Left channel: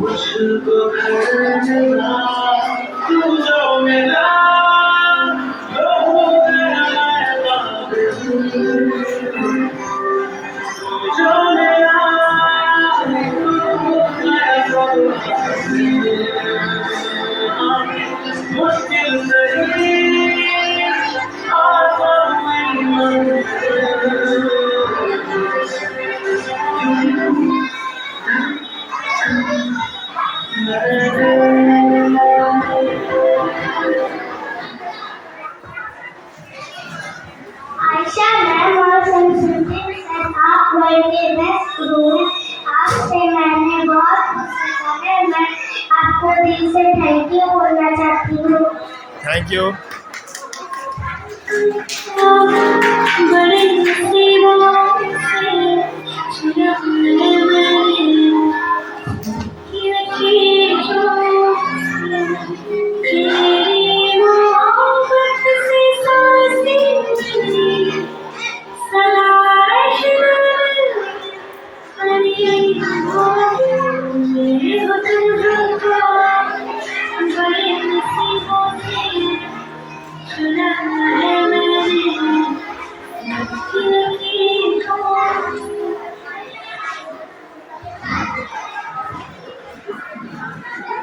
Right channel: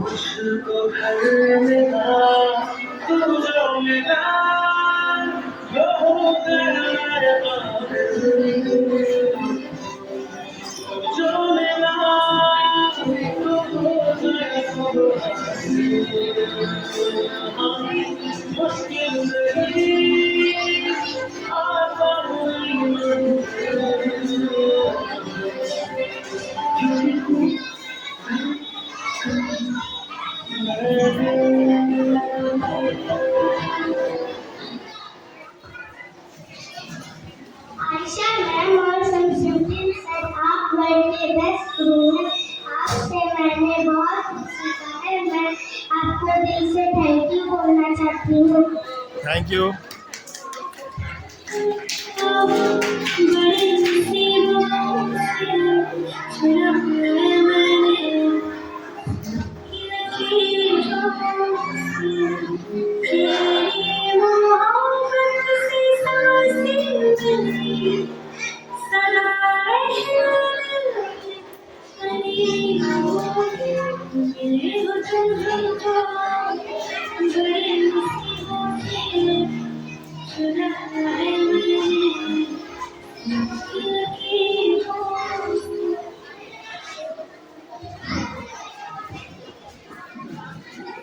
मुझको घर मिला तू जो मिला जो हो गया मैं पागल तू जो मिला तू हो गया सब मुश्किल नहीं आसान हुई मंजिल आयशा मैम और संस्कृति सर, आप वर्ल्ड के बेस्ट गुरु हैं। आपसे मैंने बहुत कुछ सीखा है। मैं आपको दिल से थैंक यू बोलना चाहती हूँ। Thank you. बड़ी मुसीबतों से छुड़ा है मैंने ये लकीरों से, तेरी मोहब्बत से सांसें मिली, सलाह बनी हो ये हो तुम जो बड़ी मुसीबतों से छुड़ा है मैंने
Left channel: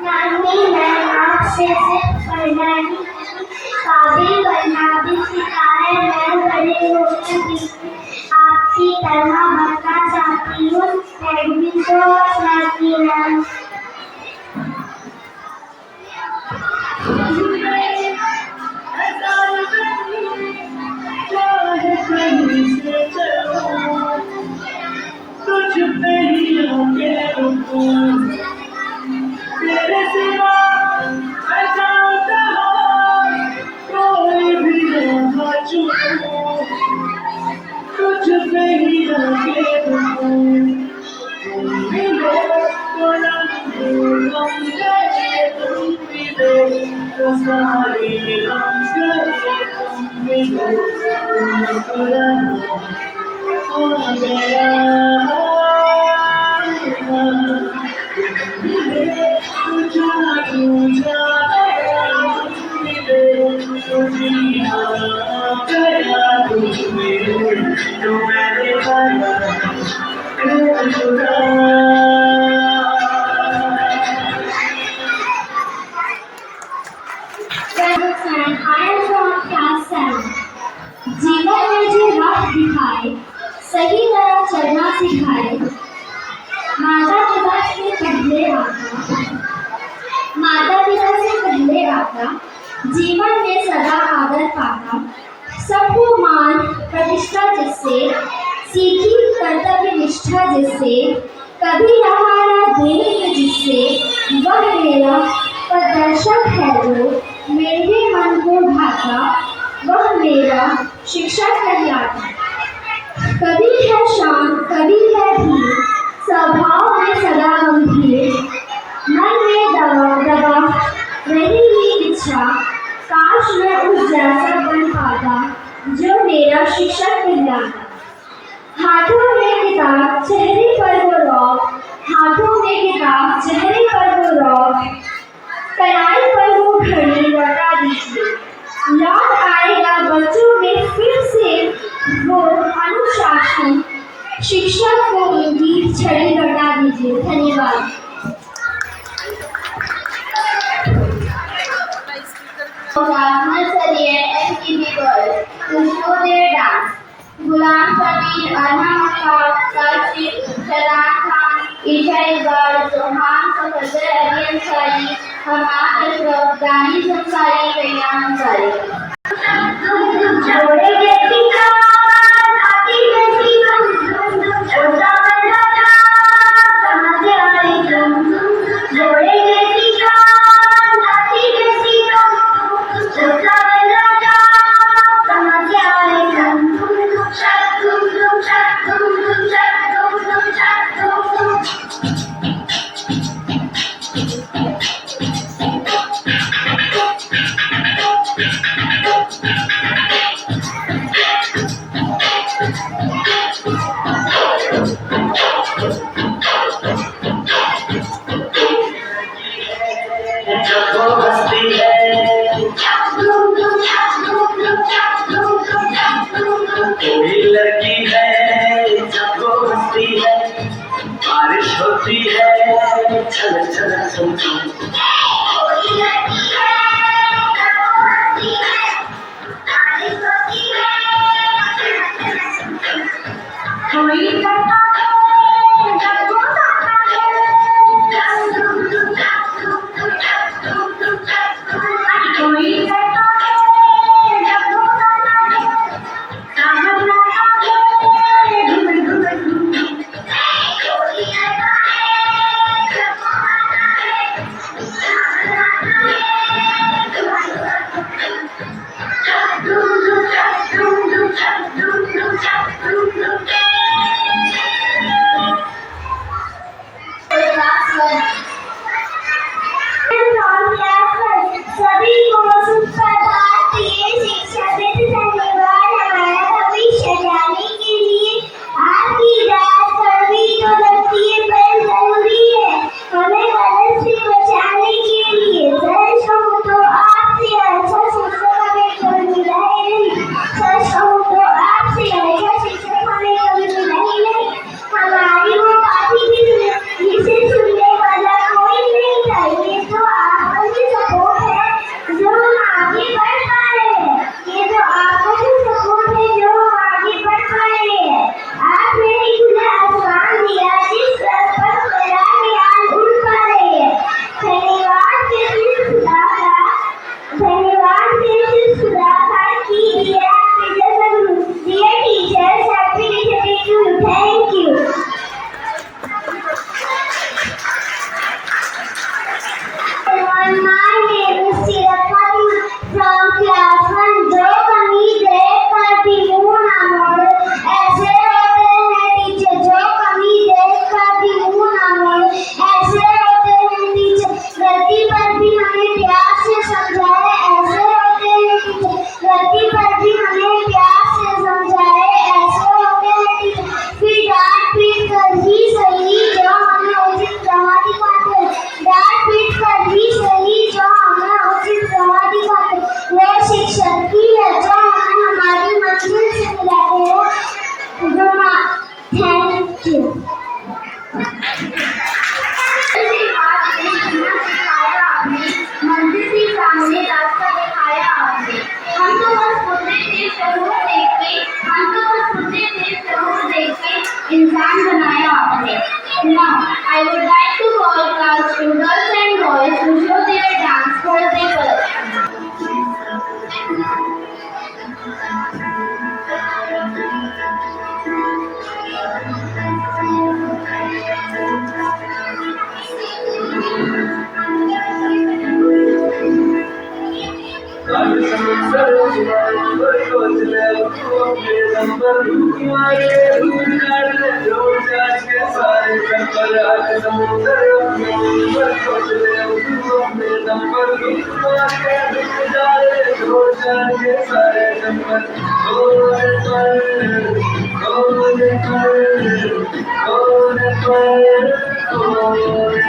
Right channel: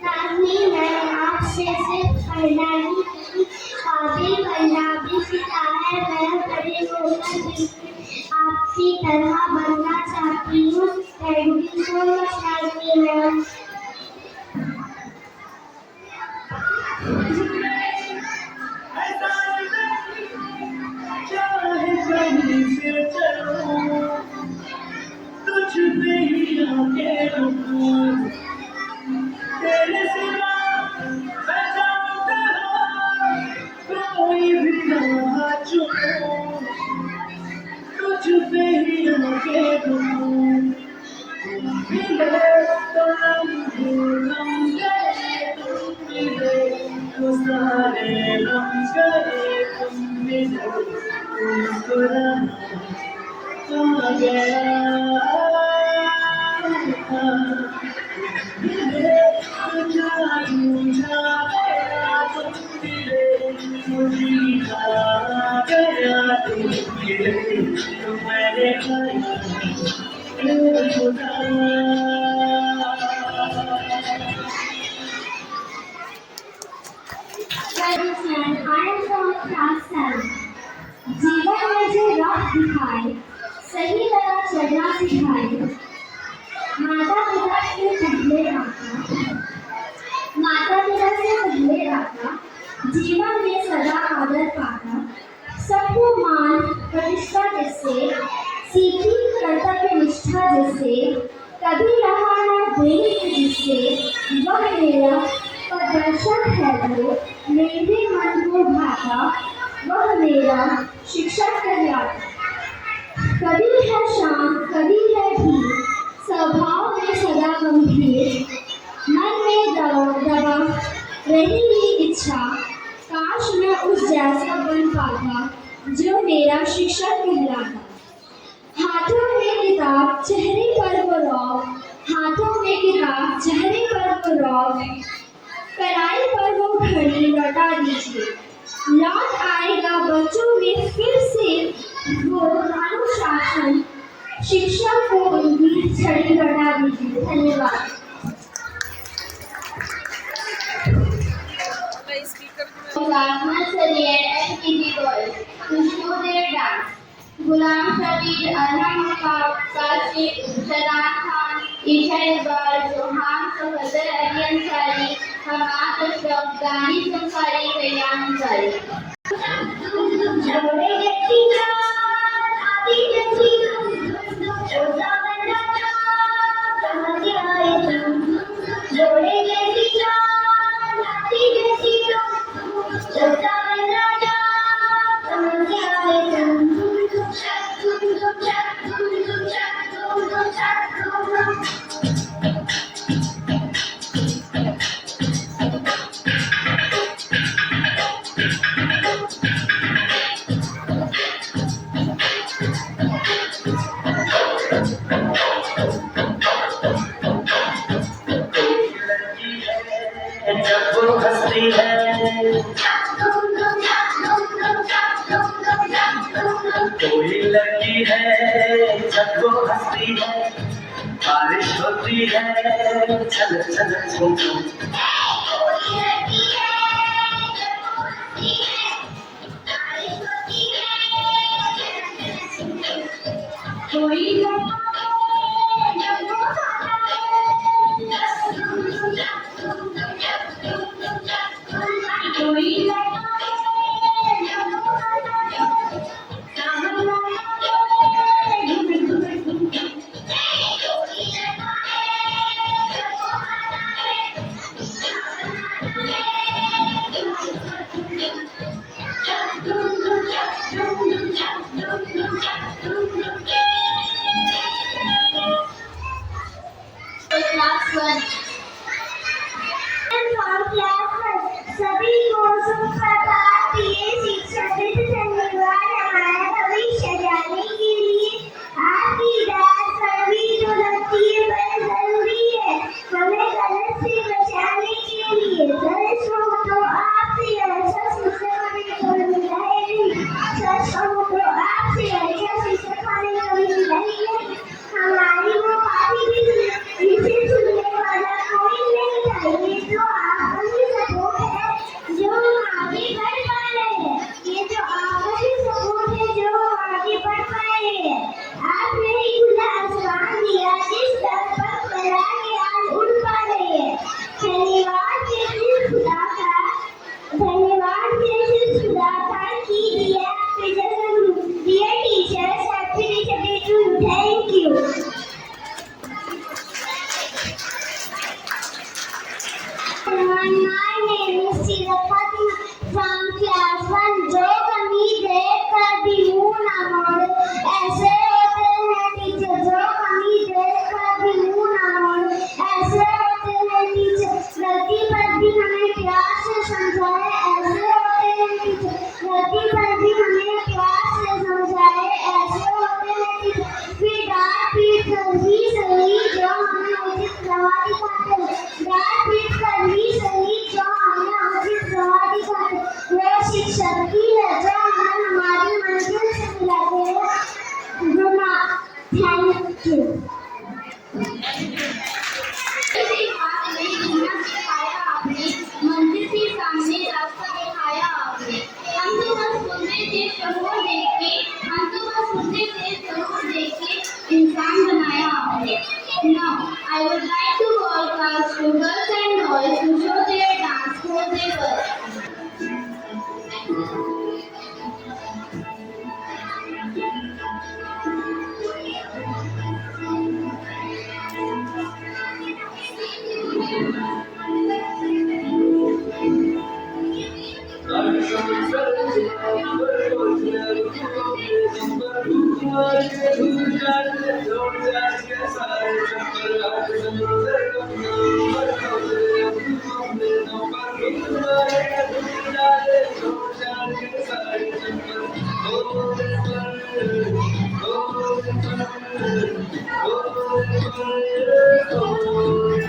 नानी, मैं आपसे सिर्फ पढ़ना ही नहीं, काबिल बनना भी सीखा है। मैं बड़े होकर भी आपकी तरह बनना चाहती हूँ। थैंक यू सो मच नानी मैम। तेरे सिवा मैं चाहता हूँ कोई भी ना चूकूं, तुझ पे ही सारे गम गए तुम मिलो मुस्कुराना आ गया मिले तो जादू जाया मिले तो जीना गया तुम मिले तो मैंने पाया खुदा And I am from class 7. जीवन में जो राह दिखाए सही तरह चलना सिखाए माता पिता से पहले आता जीवन में सदा आदर पाता सबको मान प्रतिष्ठा जिससे सीखी कर्तव्य निष्ठा जिससे कभी रहा ना देने में जिससे वह मेरा प्रदर्शक है जो मेरे मन को भाता वह मेरा शिक्षक कहलाता कभी है शांत कभी है धीर स्वभाव में सदा गंभीर मन में दबा नहीं ही इच्छा काश मैं उस जैसा बन पाता जो मेरा शिक्षक कहलाता हाथों में किताब चेहरे पर वो रौब हाथों में किताब चेहरे पर वो रौब कलाई पर वो घड़ी लौटा दीजिए लौट आएगा बच्चों में फिर से वो अनुशासन शिक्षक को उनकी छड़ी लौटा दीजिए धन्यवाद Nursery and LKG girls to show their dance. Ghulam Sabir, Arham Akkad, Kashif, Shadan Khan, Isha Iqbal, Sohan Safadar, Ali Ansari, Hamad Ashraf, Gani Ansari, Kayyan Ansari. जोड़े जैसी चाँद हाथी जैसी तुम छोटा बड़ा चाँद कहाँ से आए तुम जोड़े जैसी चाँद हाथी जैसी तुम छोटा बड़ा चाँद कहाँ से आए तुम शक तुम शक तुम शक तुम शक तुम जब वो हंसती है कोई लड़की है जब वो हंसती है बारिश होती है छल छल छम छम कोई करता है जब वो गाता है कोई करता है जब वो गाता है सावन आता है घुम घुम घुम कोई करता है जब वो गाता है सावन आता है नंबर तुम्हारे दूर काट ले जोड़ जान के सारे चक्कर आज समुद्र नंबर खोज ले तू अपने नंबर तुम्हारे दूर डाल ले जोड़ जान के सारे चक्कर गोरे पर गोरे पर गोरे पर गोरे पर गोरे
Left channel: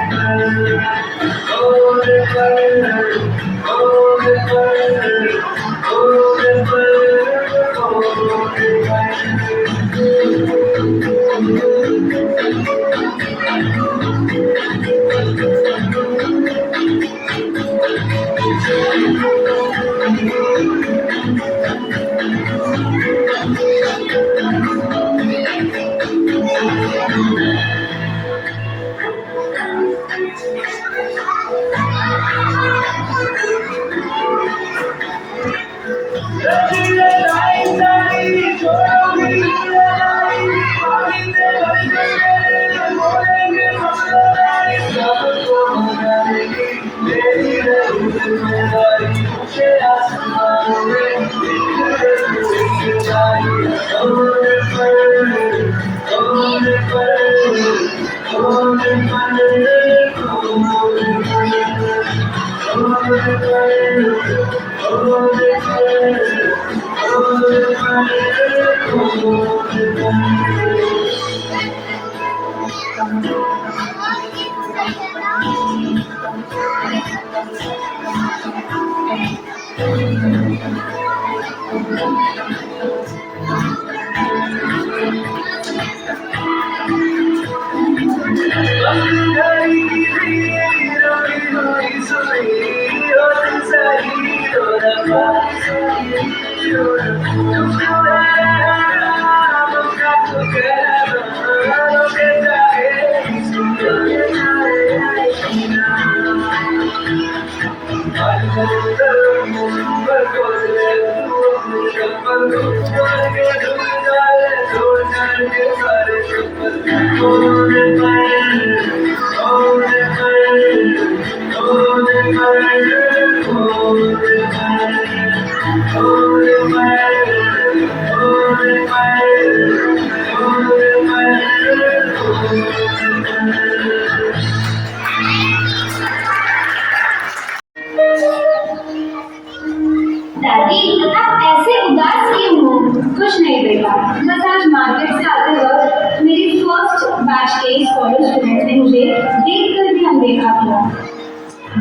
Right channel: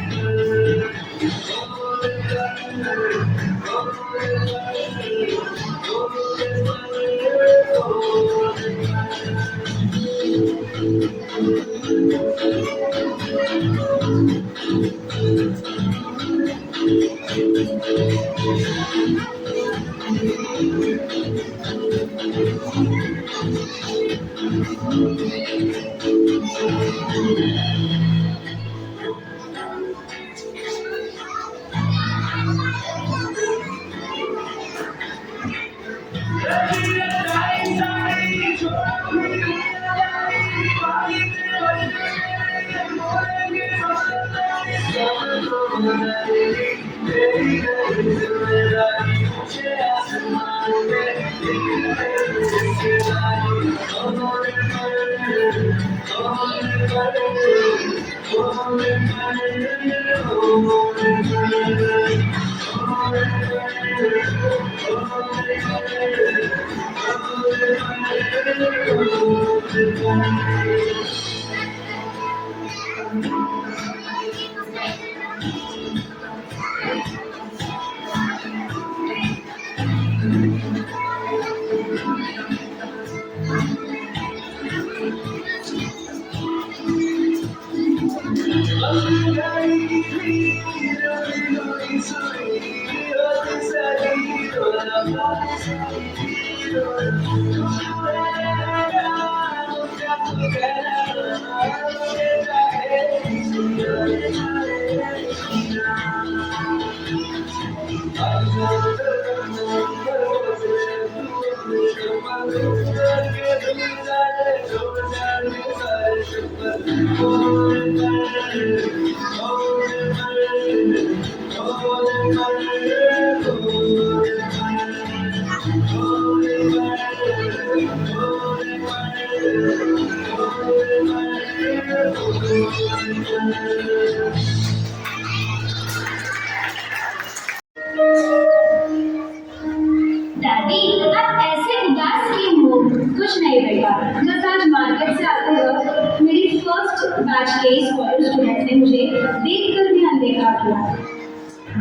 दादी, आप ऐसे उदास क्यों हो? कुछ नहीं बेटा, बस आज मार्केट से आते वक्त मेरी फर्स्ट बैच के कॉलेज स्टूडेंट ने मुझे देखकर भी अनदेखा किया।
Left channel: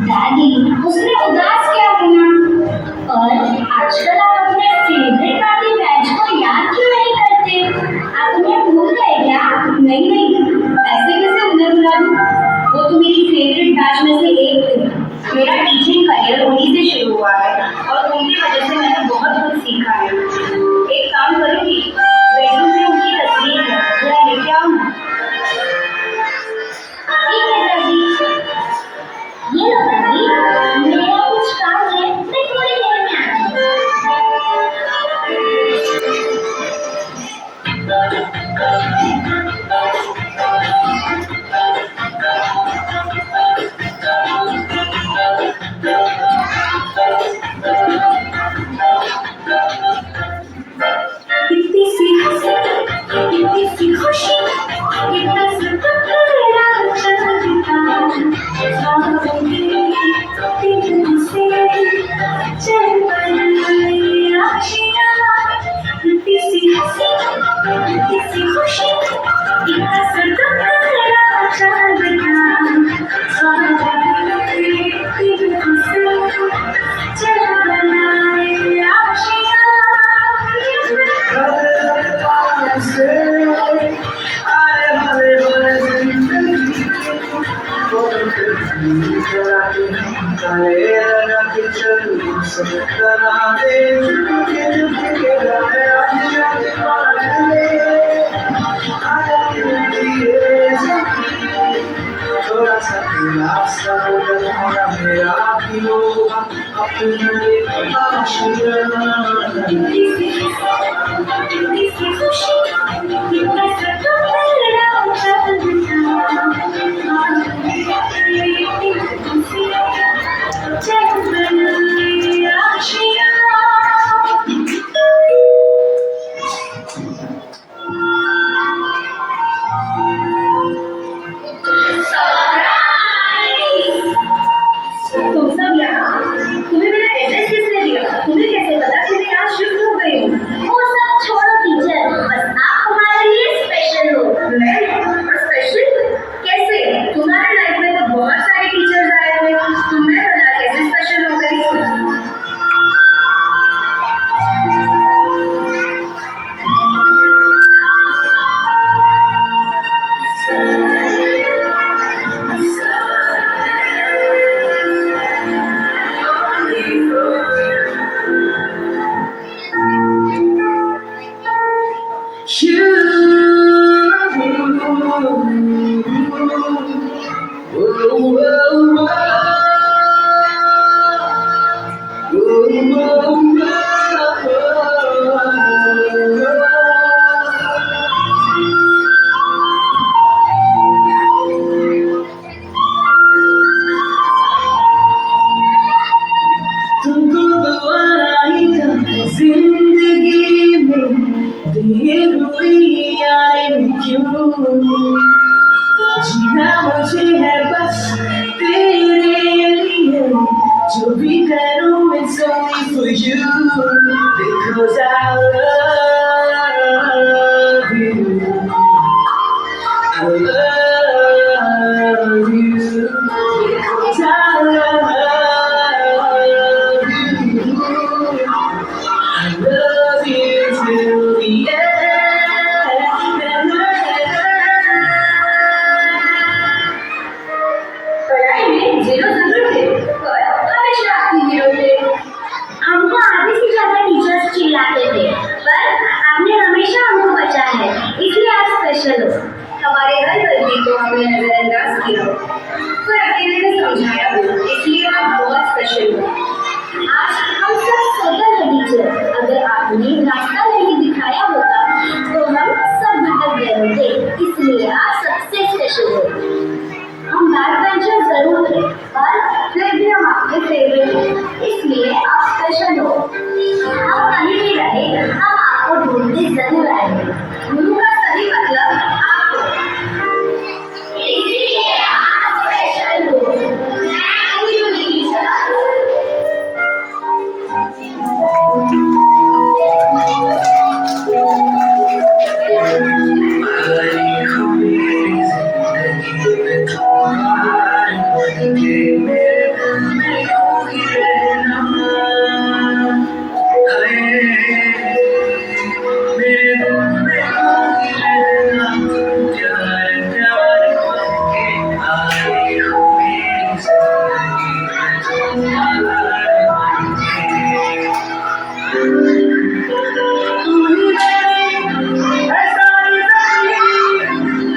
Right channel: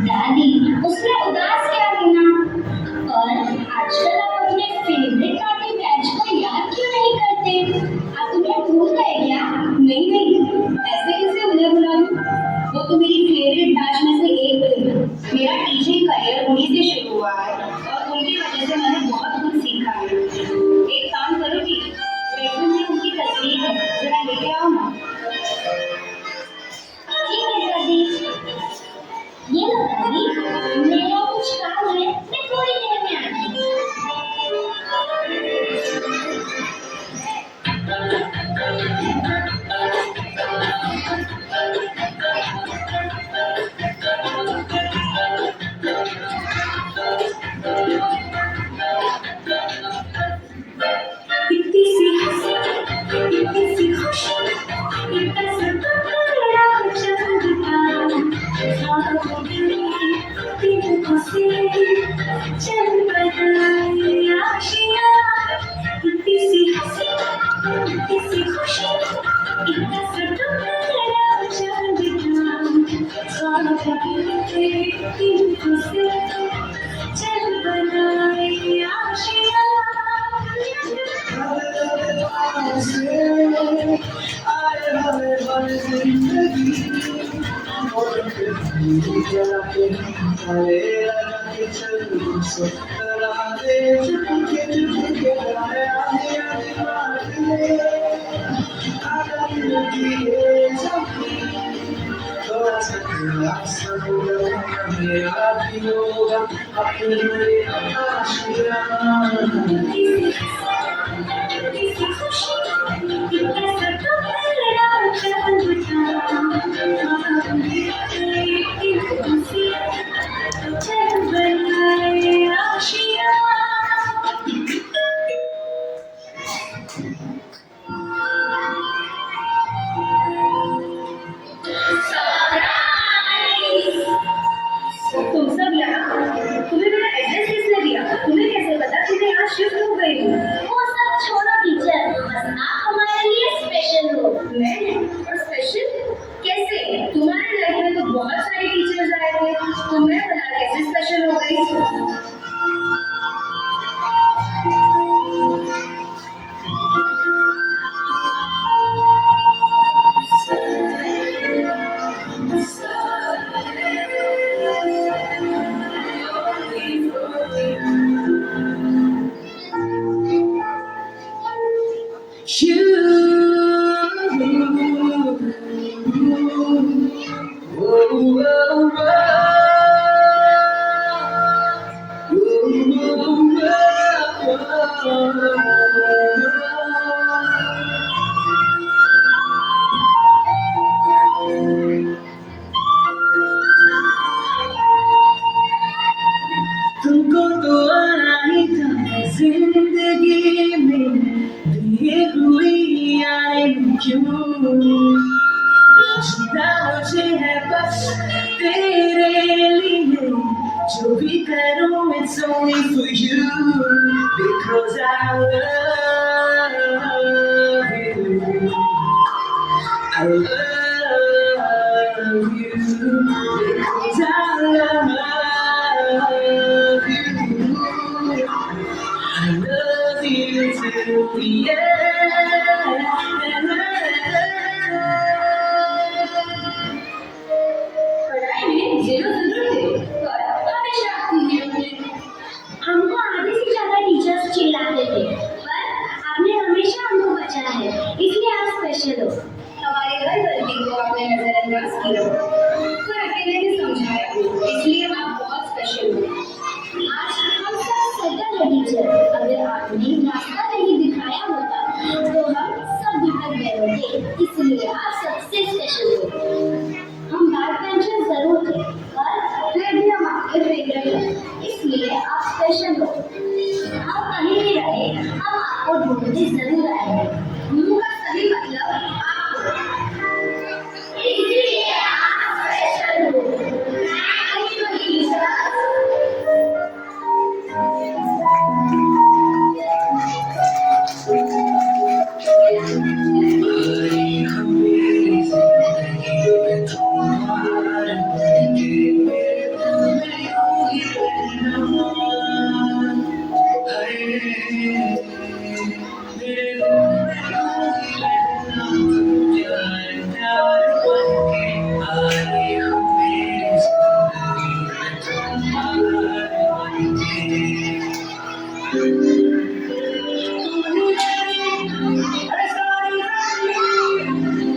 दादी, उसने उदास क्या किया? और आजकल आप अपने फेवरेट पार्टी बैच को याद क्यों नहीं करते? आप उन्हें भूल गए क्या? नहीं नहीं, ऐसे कैसे उन्हें भुला दूं? वो तो मेरी फेवरेट बैच में से एक थी। मेरा टीचिंग करियर उन्हीं से शुरू हुआ है और उनकी वजह से मैंने बहुत कुछ सीखा है। एक काम करूंगी, बेडरूम में उनकी तस्वीर है, जरा लेके आओ ना। ठीक है दादी। ये लो दादी, मेरा कुछ काम है, मैं थोड़ी देर में आती हूँ। To be better, it's only for you because I love you. I love you because I love you. I love you till the end. पढ़ाई में जीरो जरूर थे और हमेशा आपकी हीरो थे। हमको आधे से ज्यादा टीचर्स चिल्लाते थे पर आपने हमेशा हमको बचाया है इसलिए आप स्पेशल हो। हमारे हर गलती को आपने नजरअंदाज किया पर अकेले में समझाया इसलिए आप बहुत स्पेशल हो। आज हम सब सेटल है टीचर। अगर आपने रास्ता नहीं दिखाया होता तो हम सब भटक गए होते इसलिए आप सबसे स्पेशल हो। हम बैक बेंचर जरूर थे पर फिर भी हम आपके फेवरेट हैं इसलिए आप स्पेशल हो। आप कहीं भी रहे हम आपको ढूंढते जरूर आएंगे। गुरु का सही मतलब आपको इसलिए आप स्पेशल हो। Thank you teacher.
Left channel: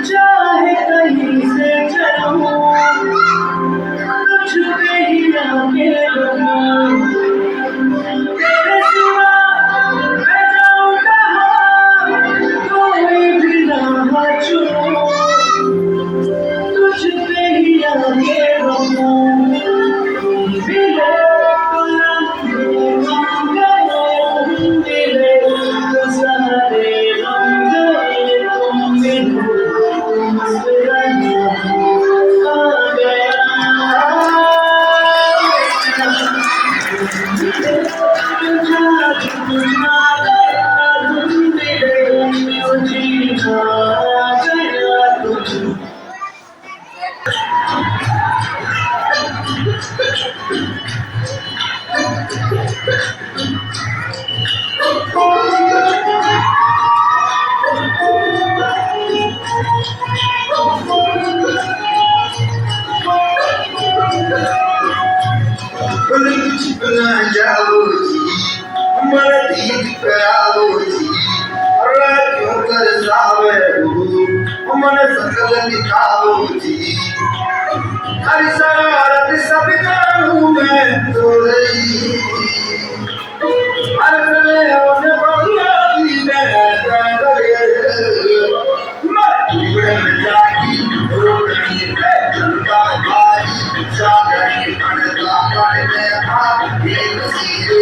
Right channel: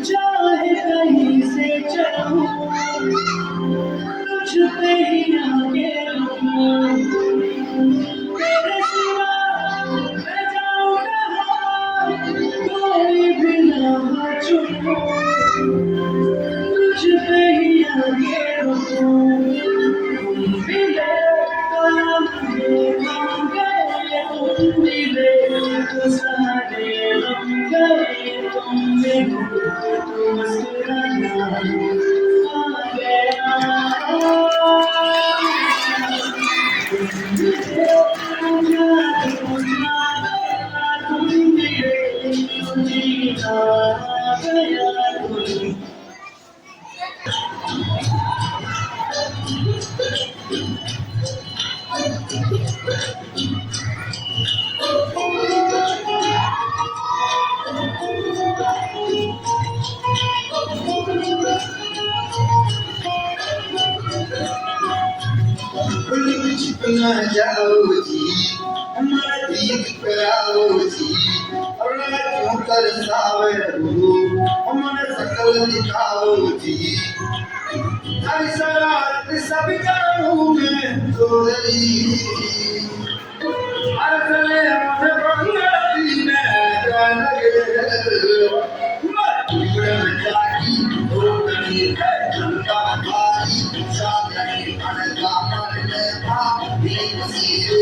चाहे कहीं से चलूं कुछ भी आके रुकूं तेरे सिवा मैं जाऊं कहाँ कोई भी ना बचूं कुछ भी आके रुकूं तुम मिले तो लम्हे लम गए तुम मिले तो सारे लम गए तुम मिले मुस्कुराना आ गया चिपना जाओ जी मन दीद कराओ जी क्यों कर सावे मन सकल दिखाओ जी हर शरारत सब जानू मैं तोरी हर चले होने बंगाली में डरे मैं जागी रोकनी है झुमका भाई सागरी अनका मन में आ एक सीधे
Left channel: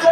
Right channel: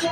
So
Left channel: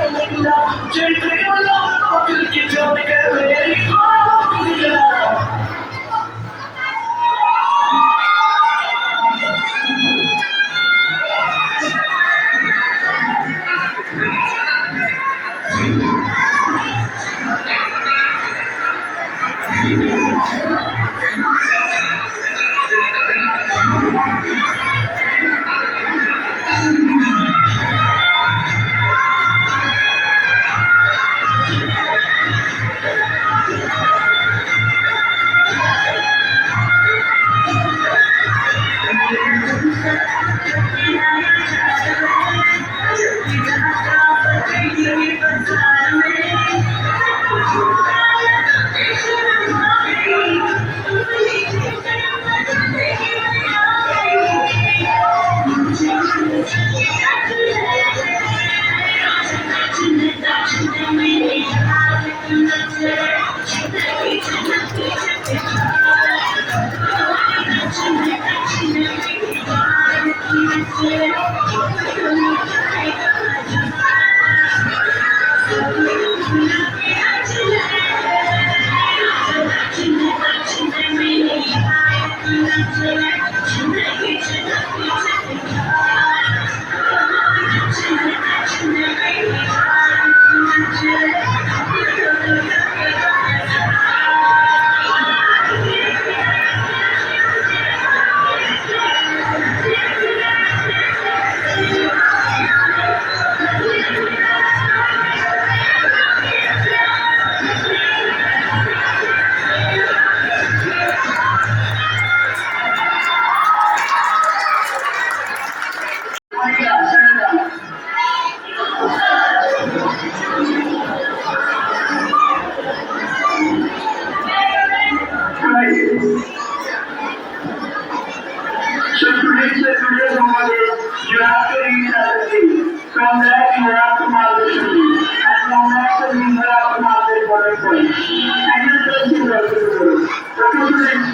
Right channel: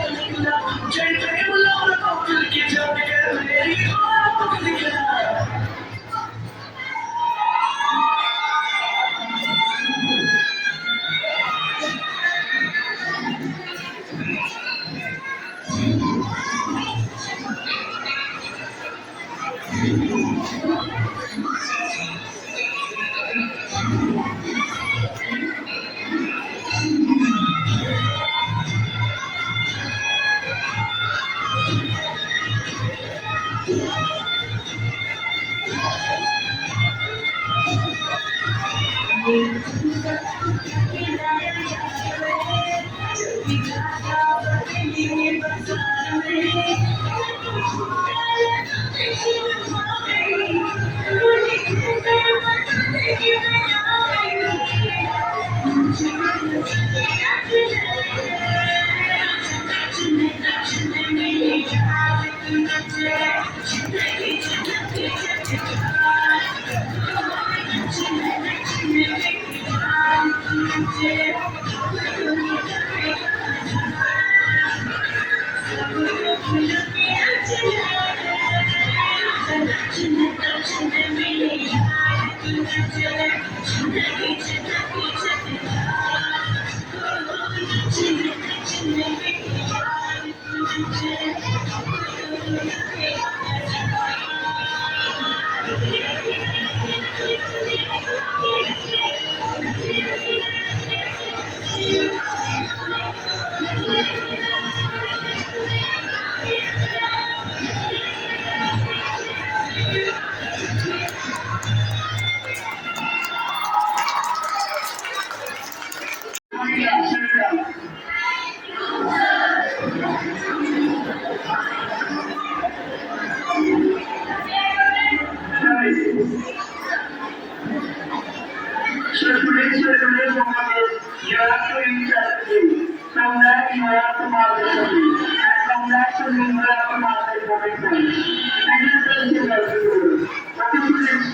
today's model, you have to read strategy. From that you have to mark the study. And from that study you have to mark the important points. And your test is also to do. Okay students,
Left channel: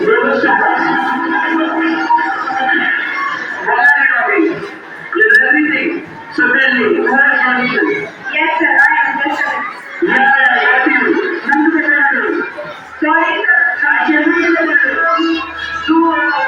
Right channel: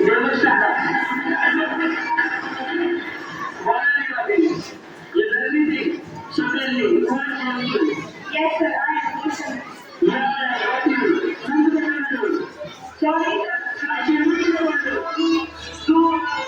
we will start. What are you talking? You know everything. So tell me, who are you talking? Yes, sir. I am just a Yeah, got you. Come to the middle. Sorry, I can't read the middle. Tu Allah,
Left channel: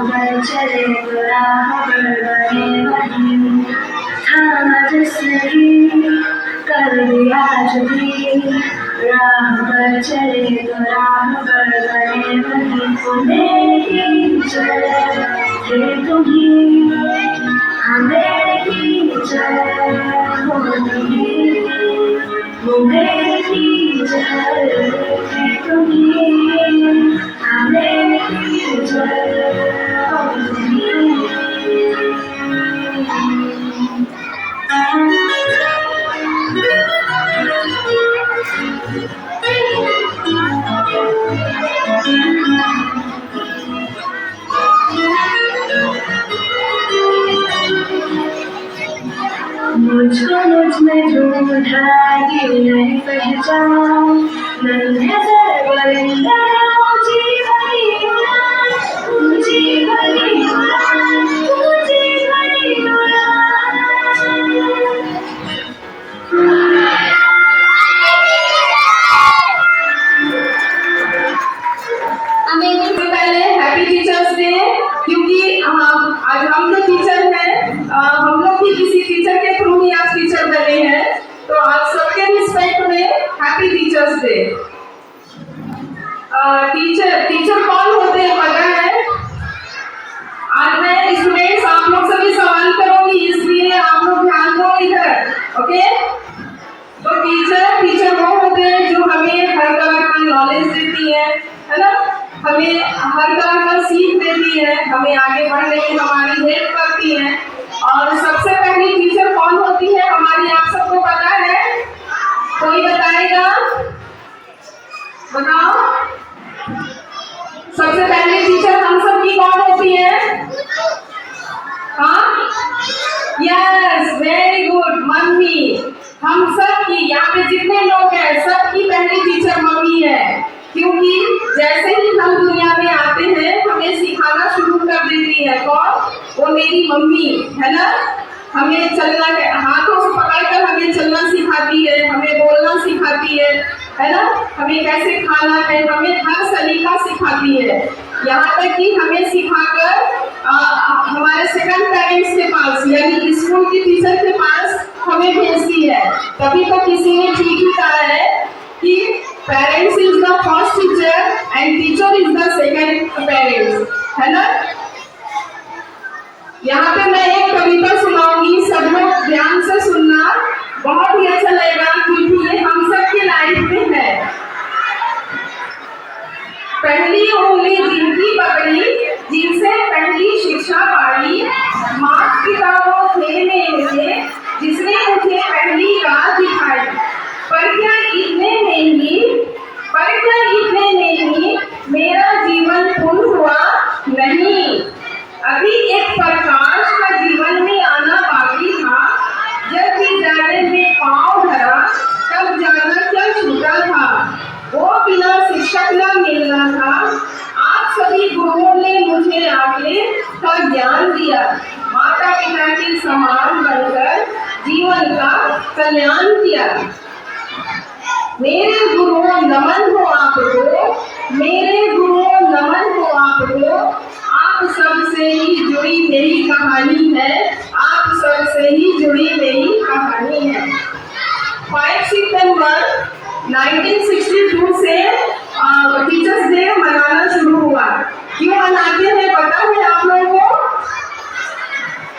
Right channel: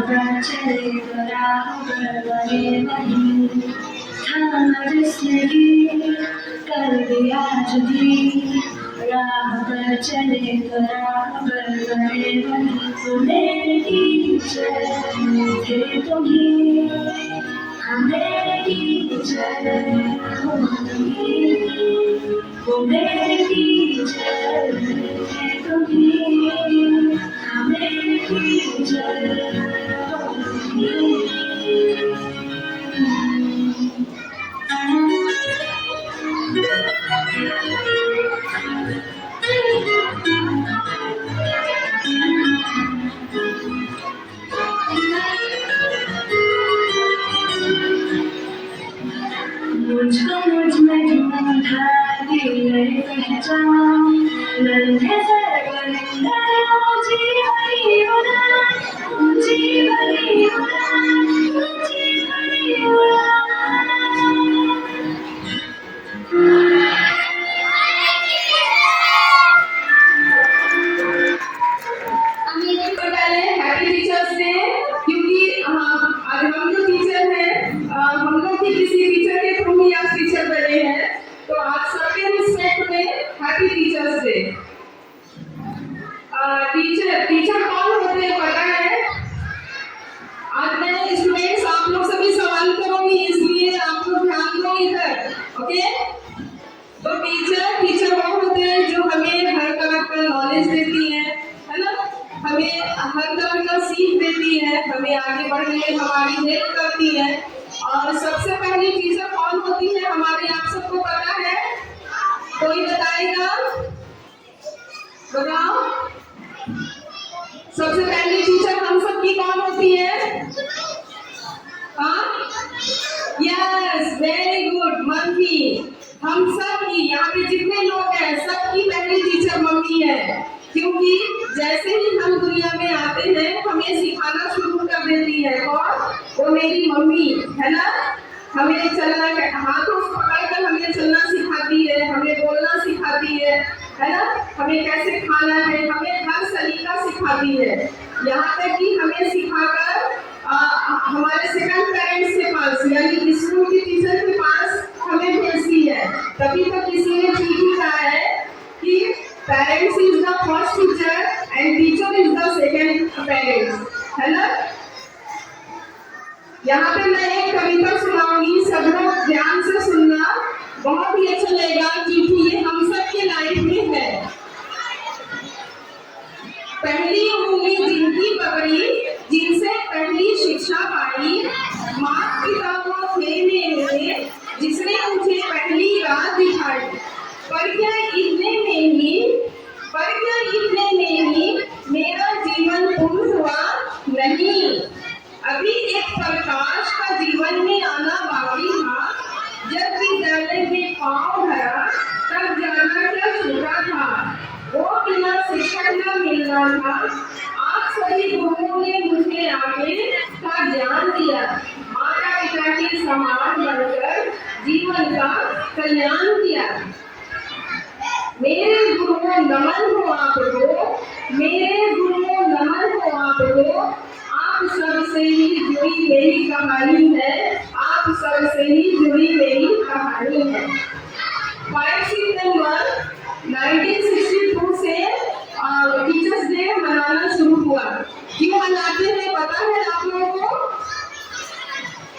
पर चले तो राह पर बने वही, थामा जिसने ही कर दिया जो भी, राह पर चले तो राह पर बने वही। मेरे टीचर थे तुम्ही, मेरे टीचर हो तुम्ही, मेरे टीचर थे तुम्ही, मेरे टीचर हो तुम्ही। मुझको मुझ में ढूंढा कि नहीं पहचान, नन्हे से बोलेंगे ऊंची बड़ी उड़ान, ऊंची बड़ी उड़ान, ऊंची बड़ी उड़ान। पहले हैप्पी टीचर्स डे, क्योंकि आज हम जो टीचर हैं, हम लोग भी किसी टीचर के थ्रू ही आज टीचर बने हैं, तो आज सबके रिस्पेक्ट में हैप्पी टीचर्स डे। टीचर कौन होते हैं पता है? आज मैं स्टूडेंट्स आप लोग सभी सवाल करूंगी, इसलिए आप लोग ध्यान दो इधर, ओके? तो टीचर वो होते हैं जो हमें हर तरह का नॉलेज देती है ना, हमें हर तरह का सीख देती है, हमें आगे बढ़ने में हमारी हेल्प करती है। और सबसे पहली टीचर कौन होती है हमारी, आप सबको पता है? कोई बताएगा? बताओ। सबसे पहली टीचर हम सब की कौन होती है? हाँ, यस, वेरी गुड, मम्मी। हम सब की, यहाँ पे जितने लोग हैं सबकी पहली टीचर मम्मी है, क्योंकि जैसे ही हम दुनिया में आते हैं हमें सिखाना शुरू कर देती है। कौन? वो मेरी मम्मी है ना। हमें चलना, हाथों से पकड़कर हमें चलना सिखाती है, हमें बोलना सिखाती है ना, हमें कैसे खाना है, हमें हर सलीका सिखाती है। यहाँ तक कि हमें सिखाकर हमारे सेकंड पेरेंट्स के पास यानी स्कूल की टीचर के पास हमें भेजती है। तभी तो किसी ने ठीक ही कहा है कि parents is the first teacher and teacher is the second parents, है ना। यहाँ पे मैं एक कविता सुनाऊंगी, सब लोग ध्यान से सुनना, बहुत ही अच्छा लगेगा क्योंकि ये हम सब की लाइफ में है। पहली उंगली जिनकी पकड़ी, जिनसे पहली शिक्षा पाई, माता पिता वो थे मेरे, जिसने मुझे पहली राह दिखाई। पर क्या इतने में ही मेरा जीवन पूर्ण हुआ नहीं, अभी एक प्रकाश का जीवन में आना बाकी था। जब विद्यालय में पांव धरा तब जाना क्या छूटा था, वो बिना शिक्षक न मिलना था। आप सभी गुरुओं ने मुझे आगे का ज्ञान दिया, माता पिता के समान बनकर जीवन का कल्याण किया। मेरे गुरुओं नमन हो आपको, मेरे गुरुओं नमन हो आपको, आप सबसे ही जुड़ी मेरी कहानी है, आप सबसे ही जुड़ी मेरी कहानी है। 5 सितंबर 1962 से टीचर्स डे मनाना शुरू हुआ। क्यों मनाते हैं पता है आप लोगों को?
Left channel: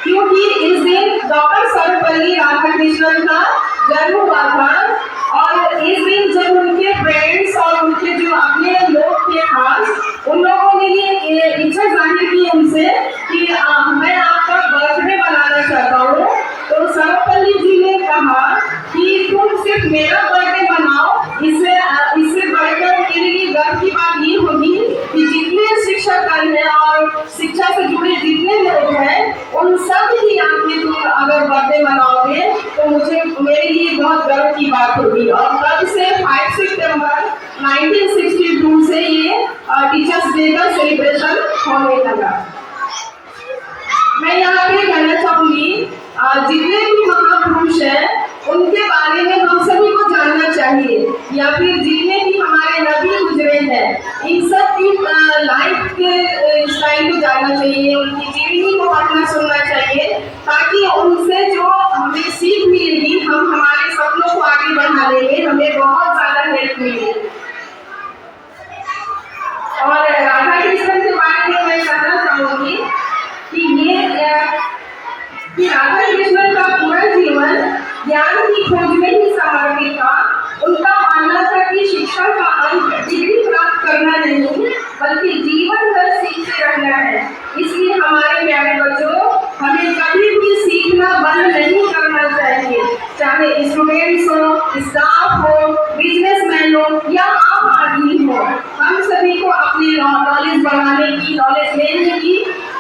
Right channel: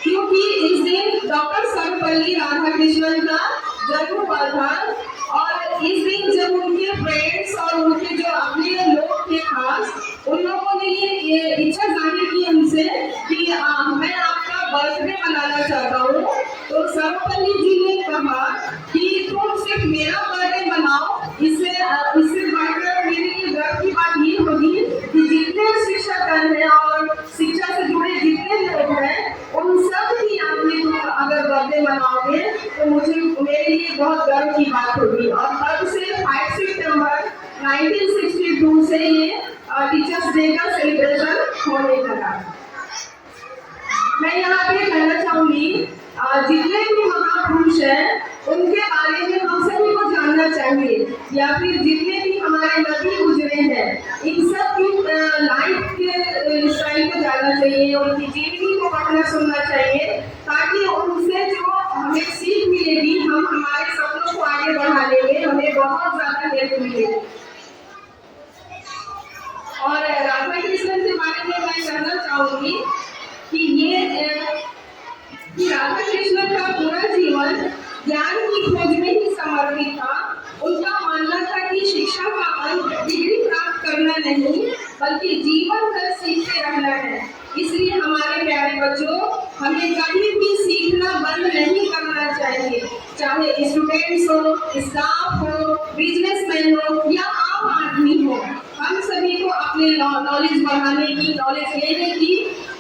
क्योंकि इस दिन डॉक्टर सर्वपल्ली राधाकृष्णन का जन्म हुआ था, और इस दिन जब उनके फ्रेंड्स और उनके जो अपने लोग थे खास, उन लोगों ने ये इच्छा जाहिर की उनसे कि मैं आपका बर्थडे मनाना चाहता हूँ। तो सर्वपल्ली जी ने कहा कि तुम सिर्फ मेरा बर्थडे मनाओ, इससे बढ़कर मेरे लिए गर्व की बात ये होगी कि जितने शिक्षकगण हैं और शिक्षा से जुड़े जितने लोग हैं उन सब की आपने तुम अगर बर्थडे मनाओगे तो मेरे लिए बहुत गर्व की बात होगी। और तब से 5 सितंबर 1962 से ये टीचर्स डे का सेलिब्रेशन होने लगा। मैं यहाँ पे कहना चाहूंगी जितने भी महापुरुष हैं उनके बारे में हम सभी को जानना चाहिए, या फिर जितने भी हमारे नबी गुजरे हैं इन सब की लाइफ के स्टाइल को जानना चाहिए। बच्चों, हमें कभी भी सीखना बंद नहीं करना चाहिए, चाहे स्टूडेंट्स हो, स्टाफ हो, बिजनेसमैन हो या आम आदमी हो। हम सभी को अपनी नॉलेज बढ़ाने की, नॉलेज लेने की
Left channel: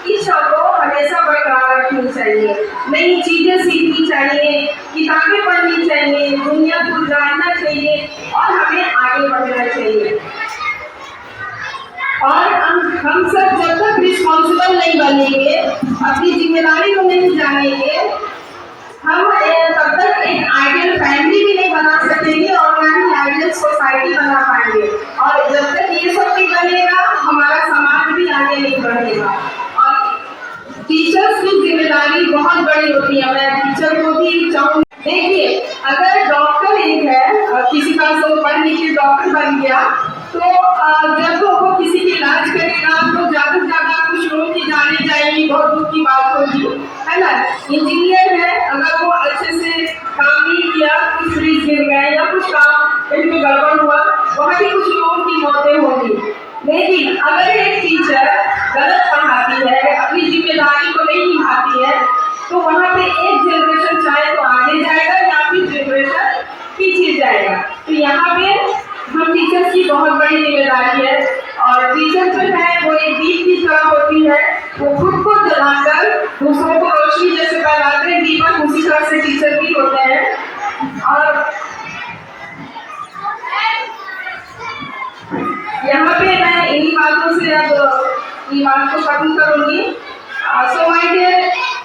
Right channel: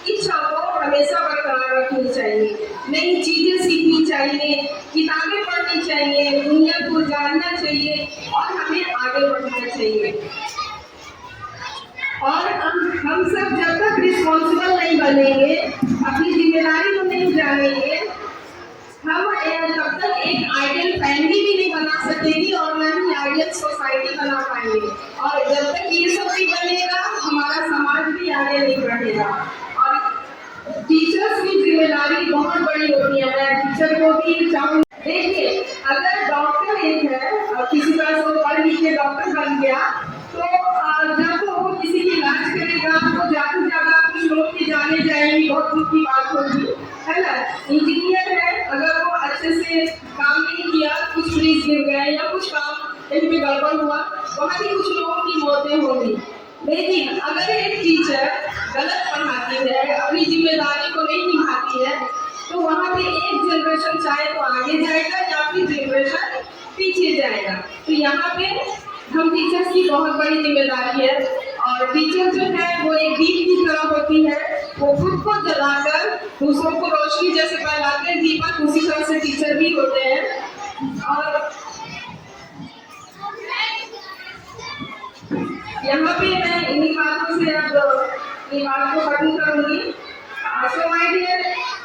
इच्छा को हमेशा बरकरार रखनी चाहिए। नई चीजें सीखनी चाहिए, किताबें पढ़नी चाहिए, दुनिया को जानना चाहिए और हमें आगे बढ़ना चाहिए। और हम सब जब तक रिस्पॉन्सिबल नहीं बनेंगे, अपनी जिम्मेदारी को नहीं जानेंगे, हम तब तक एक आइडियल फैमिली भी नहीं बना सकेंगे और ना ही आइडियल सोसाइटी बना पाएंगे। और जब तक ये सब नहीं बनेगा, हमारा समाज भी आगे नहीं बढ़ेगा। और टीचर्स की जिम्मेदारी बहुत बड़ी होती है। मैं टीचर को भी चाहूँगी, देखिए अगर डॉक्टर एक है, किसी का सो पढ़ लिख के डॉक्टर बन गया, तो जब वो किसी की इलाज करेगा तो ज्यादा से ज्यादा कुछ लोग की जाने जाएंगी, बहुत दुख की बात होगी, है ना। इंजीनियर है, अगर वो अच्छे से काम नहीं किया, कुछ फ्रिज गिर गए या कुछ काम इसमें गड़बड़ हुआ, वहाँ भी कुछ लोगों की मौतें होंगी। लेकिन अगर एक टीचर गलत पढ़ाती है, अपनी जिम्मेदारी को नहीं निभाती है, तो वहाँ पे एक जनरेशन चाहे तो आगे जाएगा या फिर जनरेशन पीछे जाएगा। तो यहाँ पे हम टीचर्स की बहुत बड़ी जिम्मेदारी है। और टीचर जो है वो एक दीप की तरह होती है, वो खुद को जलाकर दूसरों को रोशनी जैसे फैलाते हैं दीपक, उसी तरह से टीचर भी होते हैं। और यहाँ पे मैं इन्हीं बातों से अब ये बात को खत्म करूंगी। So my dear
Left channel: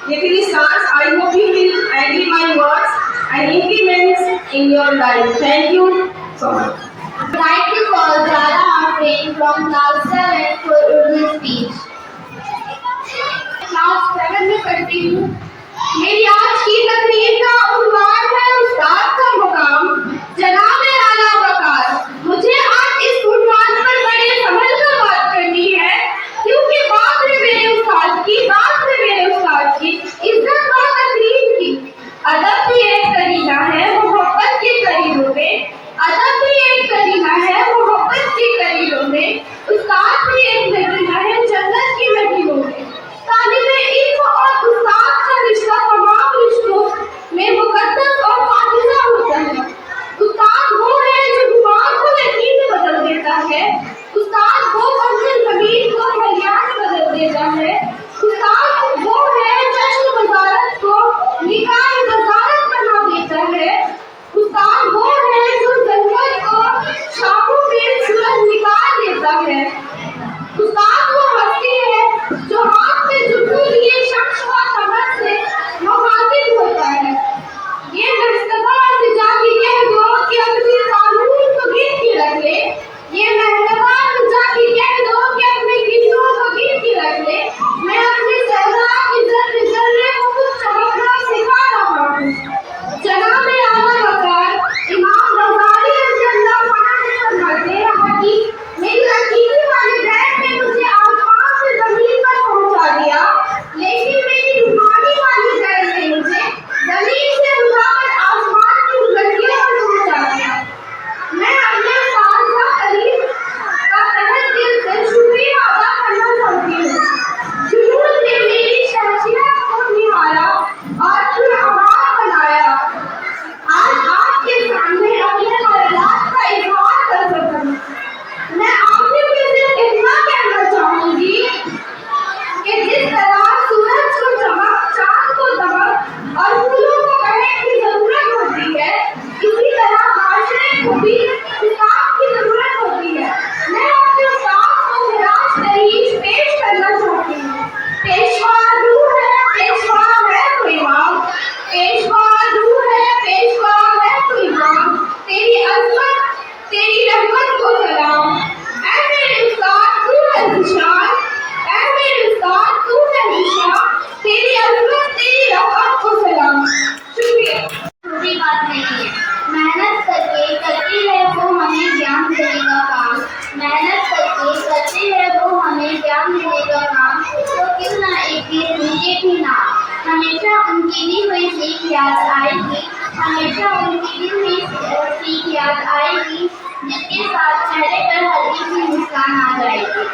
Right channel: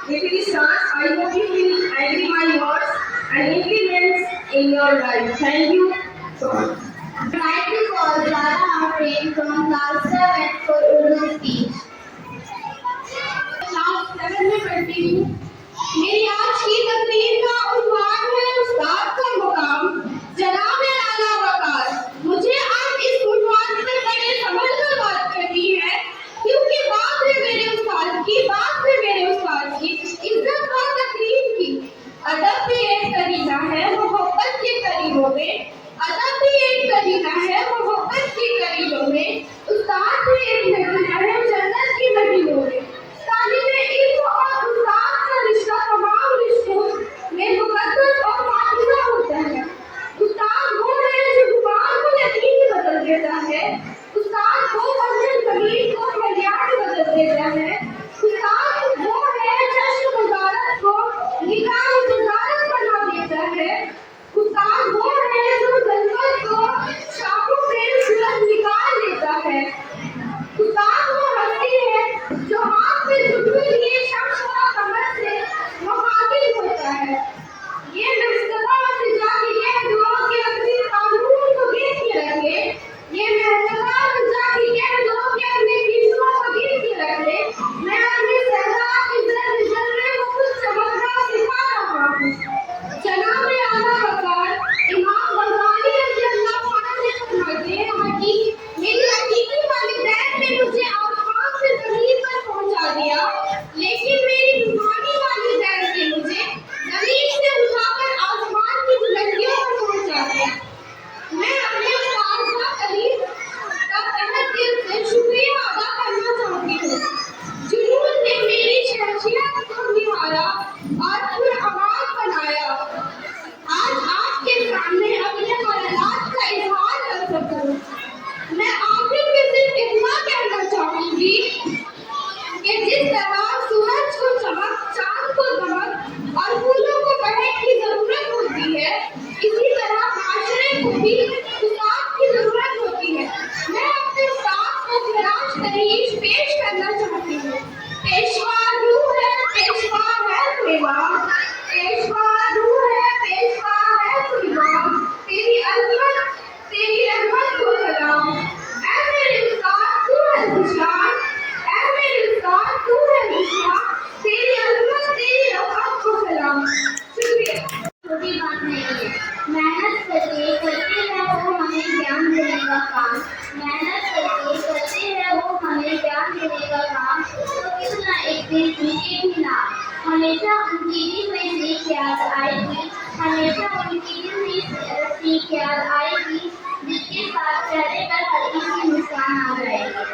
listeners, I hope you will agree my words and implement in your life. Thank you so much. I'd like to call Zara Afrin from class 7 for Urdu speech. Class 7 में पढ़ती हूँ। मेरी आज की तकरीर का उन्वान है उस्ताद का मुकाम, जनाब आला वकार। मुझे आज इस उन्वान पर बड़े संभल कर बात करनी है, क्योंकि बात है मेरे उस्ताद की, बात है मेरे उस्ताद की, इज्जत और तकरीर की। अदब भी एक करीना है मोहब्बत के करीनों में, अदब भी एक करीना है मोहब्बत के करीनों में, उस्ताद भी एक करीना है जन्नत की नगीनों में। तालिबे इल्म और उस्ताद का रिश्ता तमाम रिश्तों में मुकद्दस और पाकीज़ा होता है। उस्ताद वो है जो गुमान को यकीन में बदल देता है, उस्ताद वो मंजिल ज़मीन को हरिया में बदल देता है, उस्ताद वो है जश्न वज़ारत को निगाह वज़ारत बना देता है, उस्ताद वो है जो जन्नत को शामों में सूरज निकाल देता है, उस्ताद वो हस्ती है जो हाथ में जुल्फों लिए शख्स व कमर से मुखातिब होता है। ये नस्तबा से जाके कह दो कि अपने कानून को गिन के रख ले, ये नस्तबा से जाके कह दो कि अपने गिनों को गिन के रख ले। मैं अपने सहरा के जर्रे को कुछ चमकना सिखा रहा हूँ। जनाब आला वकार इमाम गज़ाली रज़ियल्लाहु अन्हु ने फरमाते हैं कि मेरी हकीकी वालिदैन ने मुझे आसमान से ज़मीन पर पहुंचा दिया, लेकिन मेरी रूहानी वालिदैन ने मुझे ज़मीन से उठाकर आसमान की बुलंदियों पर पहुंचा दिया। मैं अपने साथ करीब का तहे दिल से शुक्रिया अदा करना चाहती हूँ, जिन्होंने मेरी शख्सियत को निहारा और फिर आबाद बनाया। आज आपके सामने अपने ख्यालात का इज़हार कर सकता हूँ। मैं आखिर में सिर्फ इतना कहना चाहूँगी कि जिस तरह सूरज को चमक, चाँद को दमक और फूलों को महक की जरूरत होती है, इसी तरह माशरे को भी उस्ताद की जरूरत होती है। मैं अपने उस्ताद को खिराज तरीक़ पेश करना चाहती हूँ। पेशवा रूह है, पेशवा है तो इमाम, पेशवा रूह है, पेशवा है तो इमाम, तेरी अज़मत तेरी रहमत को सलाम। ऐ मेरे उस्ताद तू है निशान, ऐ मेरे उस्ताद तू है निशान, तेरी अज़मत तेरी रहमत को सलाम। शुक्रिया। छोटी बात नहीं है, मेहनत करके करती है वो हमें ज्ञान देने का काम, मेहनत करके करती है वो हमें ज्ञान देने का काम। तो क्यों ना एक दिन उनके भी नाम, हमेशा उनकी दी हुई सीख याद आएगी, हमेशा उनकी दी हुई सीख याद आएगी, जिसके साथ चेहरे पर हल्की सी मुस्कान आ जाएगी।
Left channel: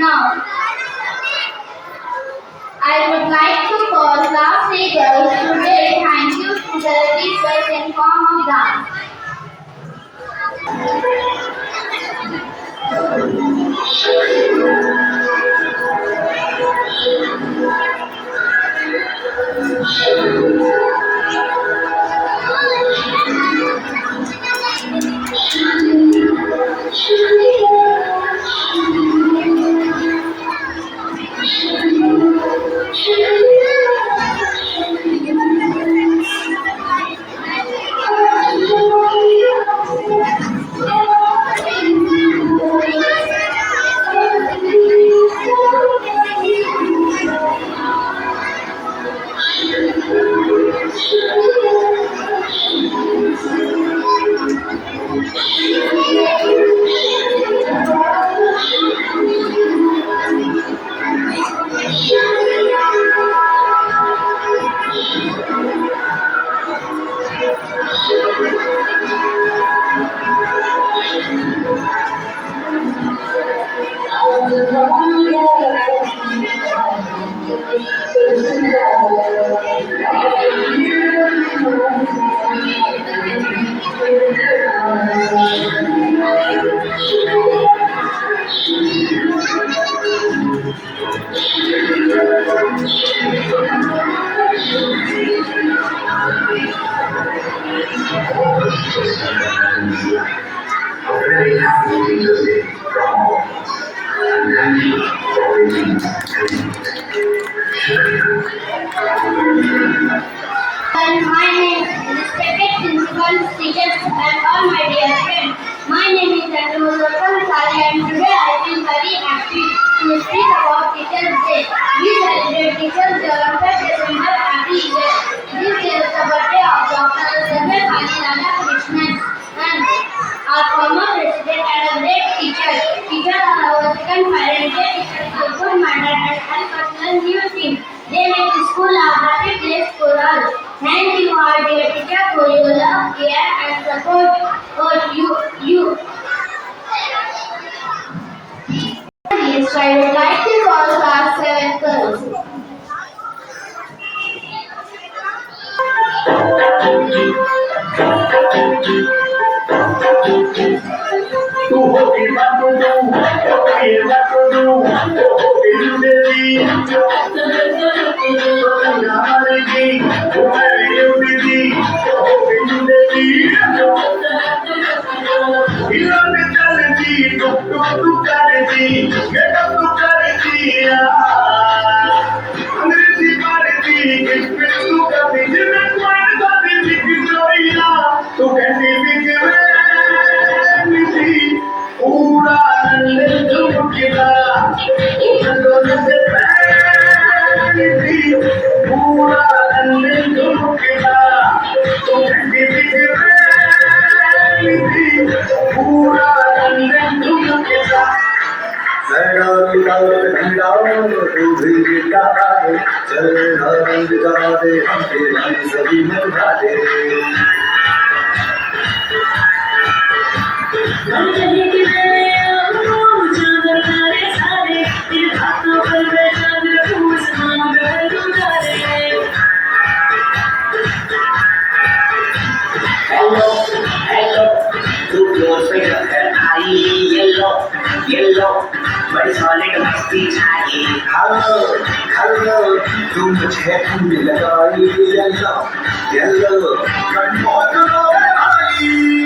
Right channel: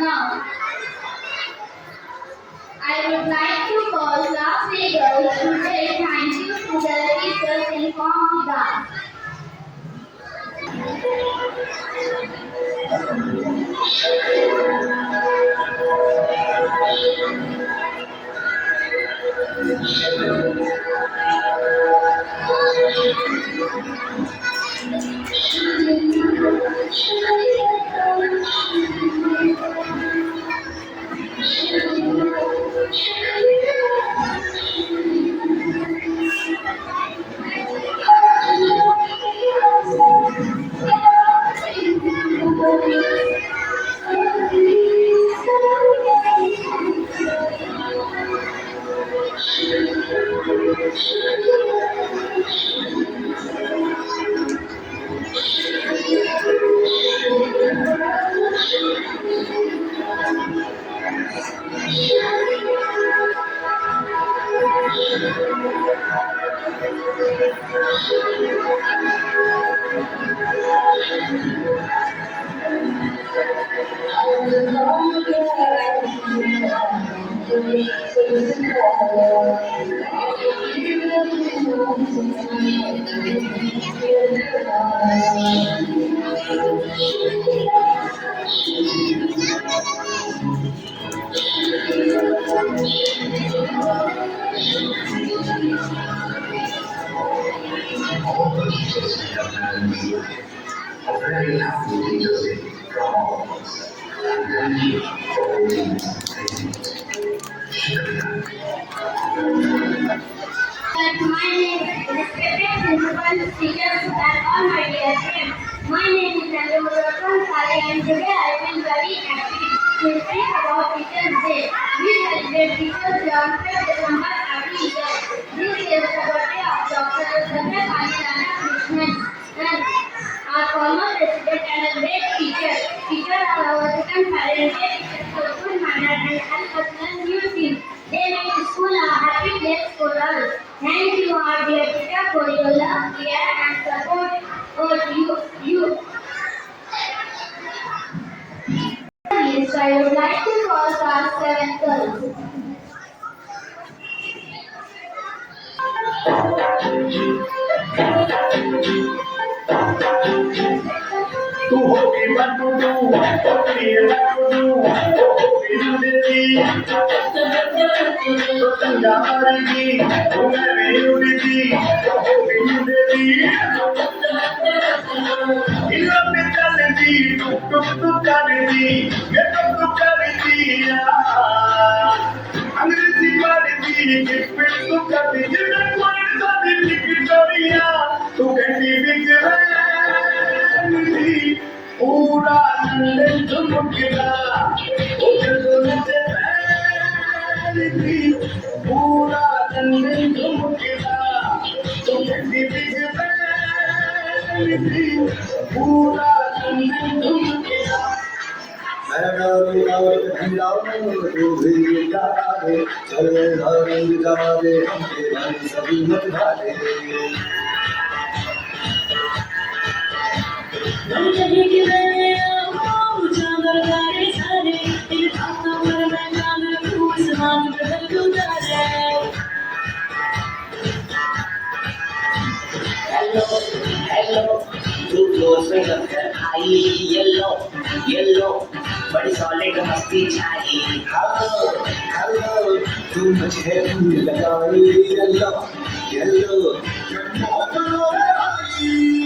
Now, I would like to call class leaders today. Thank you to the teachers in form of dance. A very happy Teachers Day from all of us. And thank you for waiting And my name is respected principal, teachers, and all my dear friends. My name is Chandramohan Sari, and today I feel very happy to speak about Teachers Day. We celebrate Teachers Day on 3rd December every year. This is the birthday of Dr. Sarvepalli Radhakrishnan, and our former president and a great teacher. Teachers are our second parent. They teach us a good manner and help us learn new things. They make school a happy place for us. Thank you, our dear teacher, for your love, care, and support for you. Yes, I would like to call class 7 girls. Tu hopi batudu, hopi batudu, hopi judedi. Tanga harigi, umare yubidi, hopi judedi. Ilo metaledi, tuk tuk tuk karedi, getak tuk karedi ya. Angrezi maredi, kipit tuk karedi, jinak wan sadi Victoria, tu kandi bigwe. पूरा नंदन झुमकेगा उठलों से पैरी पूरा नंदन झुमकेगा तो ठंडी बिगड़ी पूरा नंदन झुमकेगा लगा ठंडा तू भी गाता है चल रंग गा दे हमके मन सभी मत गा दे बड़ी सॉलिड मस्ती चाहिए हेलो तुम मुझे ढूंढ लगाई येलो येलो कन्फर्म करो भाई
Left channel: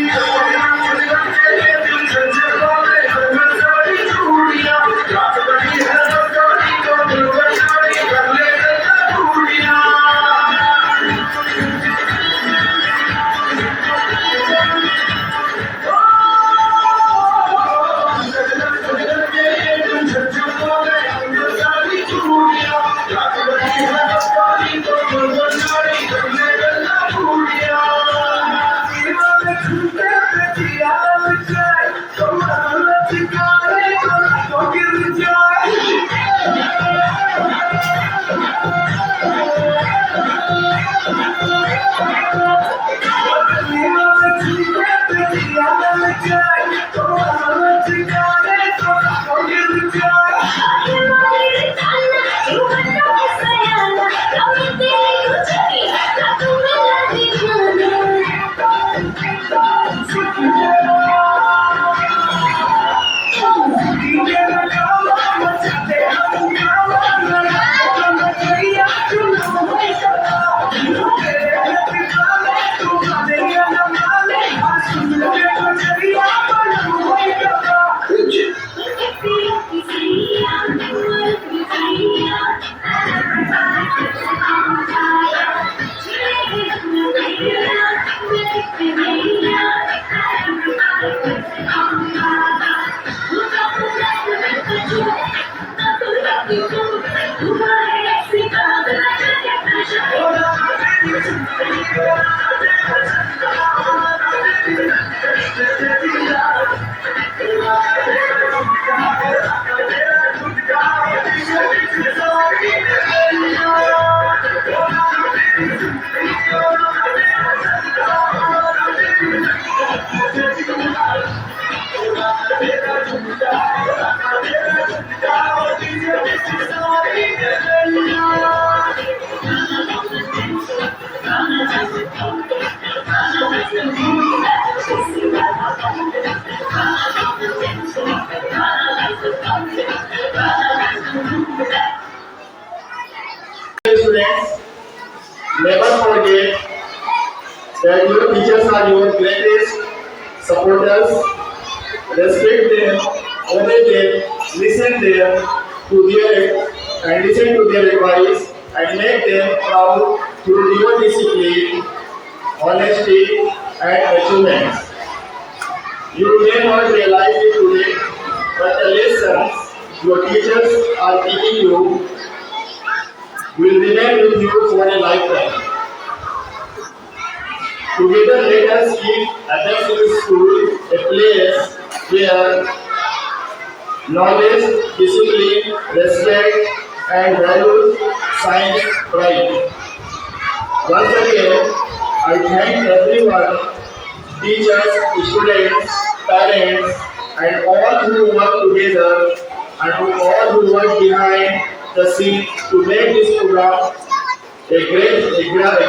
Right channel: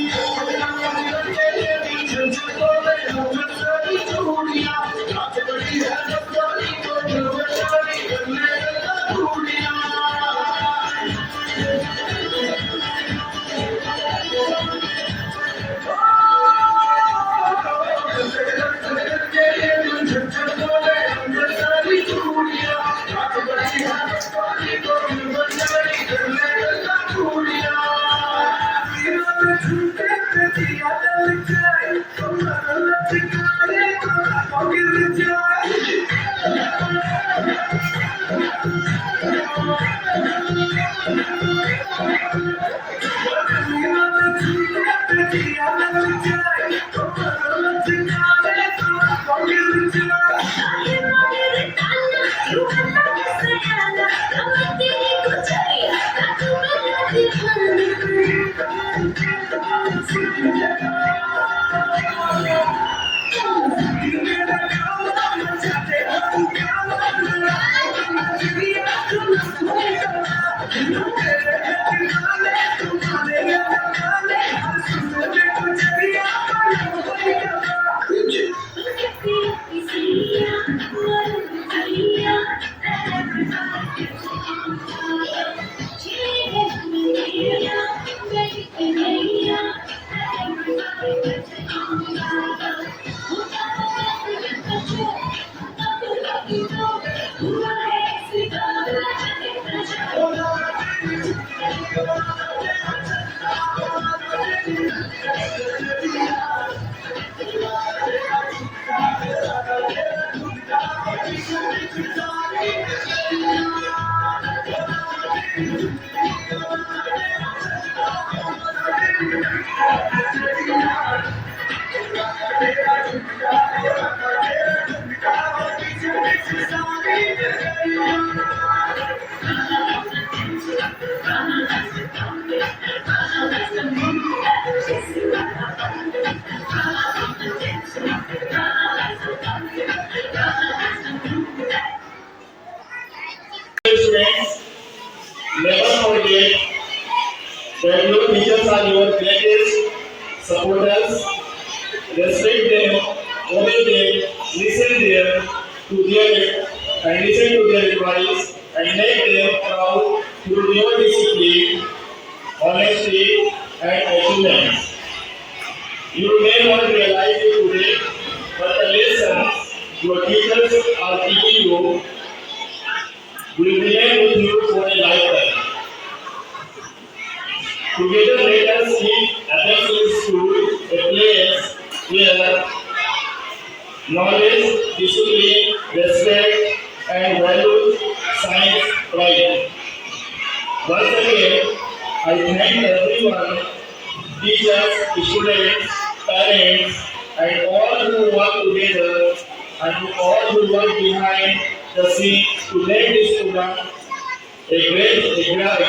Students, never forget that your teachers are your greatest supporters. Respect them, obey them, listen to their advice, and make them proud through your discipline, honesty, and achievements. You may not realize it today, but the lessons your teachers are teaching you will remain with you for a lifetime. Together, let us keep Apex School a place where knowledge, discipline, respect, and values shine bright. Once again, I thank everyone, teachers, students, parents, and all who work together, and to all who work behind the scene to make this program a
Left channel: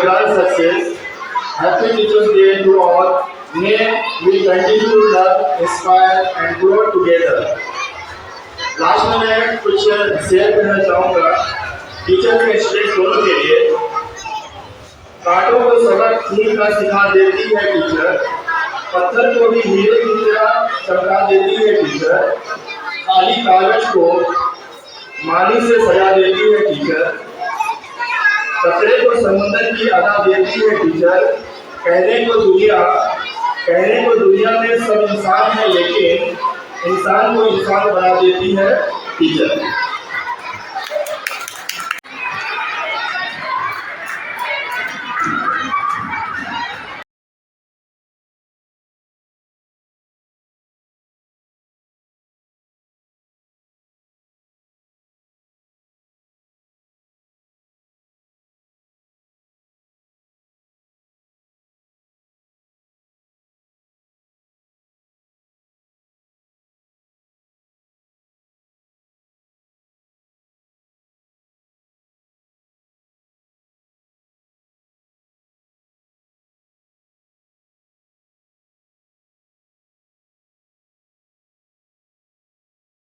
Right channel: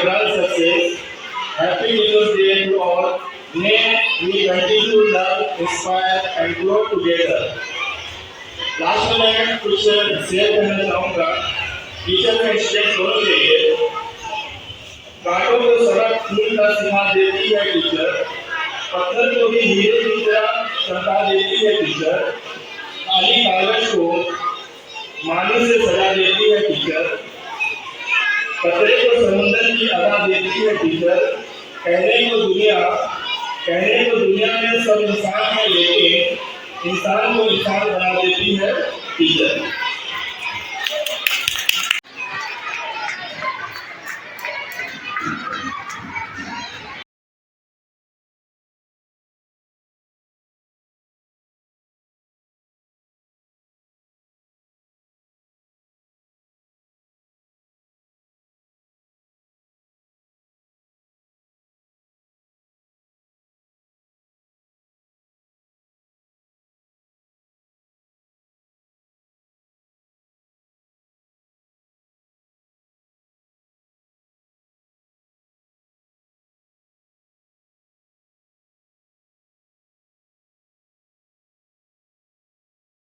grand success. Happy Teachers Day to all. May we continue to love, inspire, and grow together. Last में मैं कुछ शेयर करना चाहूँगा टीचर में स्ट्रेस दोनों के लिए। कांटों को सबक खून का सिखा देती है टीचर, पत्थर को भी हीरे की तरह चमका देती है टीचर, खाली कागज को माली से सजा देती है टीचर, कपड़े को समुद्र की अदा देती है टीचर। कहने को दुनिया में सब इंसान है, लेकिन इंसान को इंसान बना देती है टीचर।